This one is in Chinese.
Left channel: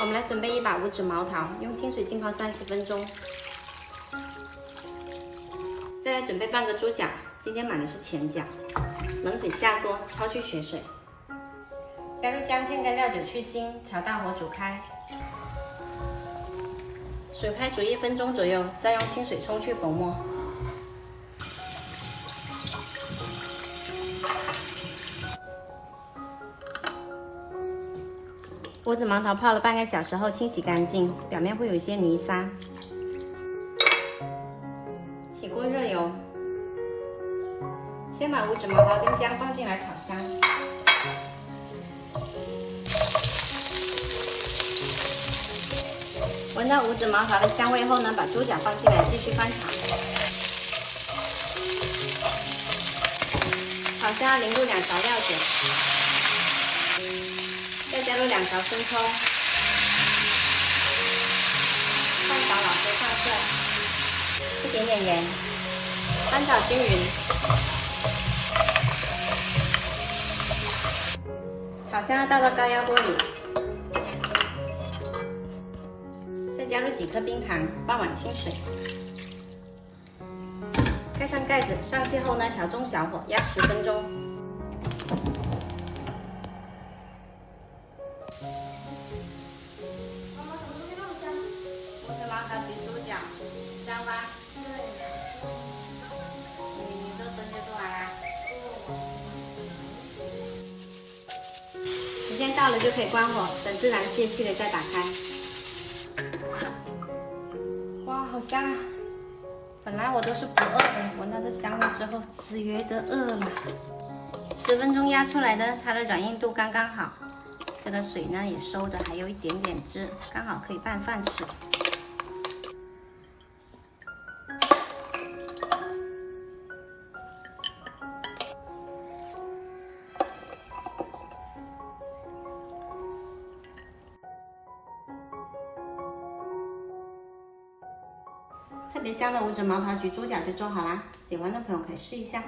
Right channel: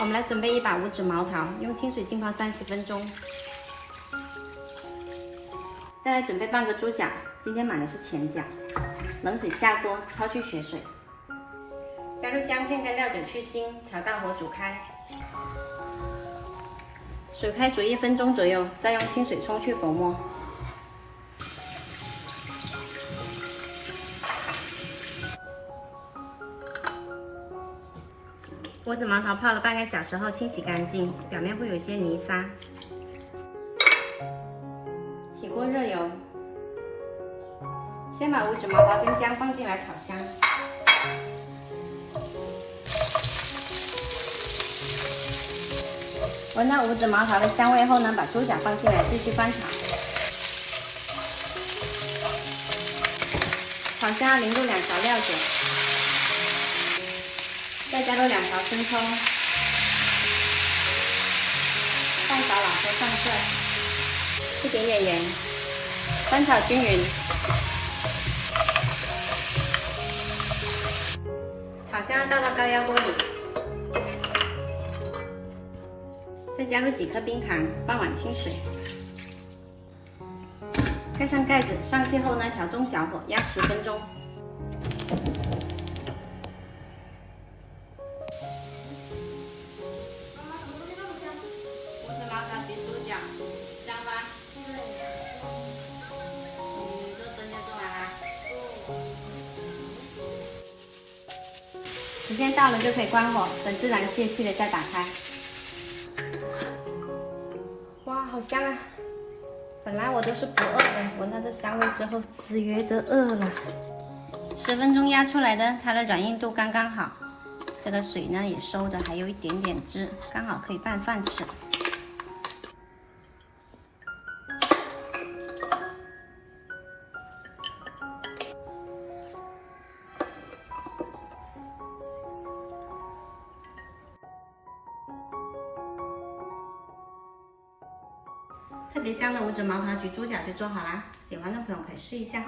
我们来准备一把五指毛桃，用清水浸泡30分钟。再来准备半个猪脚，今天买的是前脚。冷水下锅，焯去血水，加入姜片跟料酒去腥，调大火煮开。水开煮1分钟左右，再用清水冲去浮沫。五指毛桃泡了半个小时后清洗干净，表面会有些泥沙。起锅热油，先把五指毛桃跟姜放进来炒香。闻到五指毛桃的香味后呢，把猪脚放进来继续翻炒。炒香要淋入2勺料酒。再加入2勺生抽，半勺老抽上色，一点点盐，翻炒均匀。炒香要倒到高压锅里，再加入几颗冰糖，半碗清水，盖上盖子，上气后呢，调中小火压10分钟。五指毛桃比猪脚香吗？对。你这灯就做完啦。时间到了就可以关火，等自然泄气了再打开。哇，好香啊！本来我都是不饿的，闻到这香味之后，只觉得饿了。10分钟压出来的，它的软硬度刚刚好。这个水呢也收的还有一点点汁，刚好可以拌饭吃。特别香的五指毛桃焗猪脚就做好啦，喜欢的朋友可以试一下。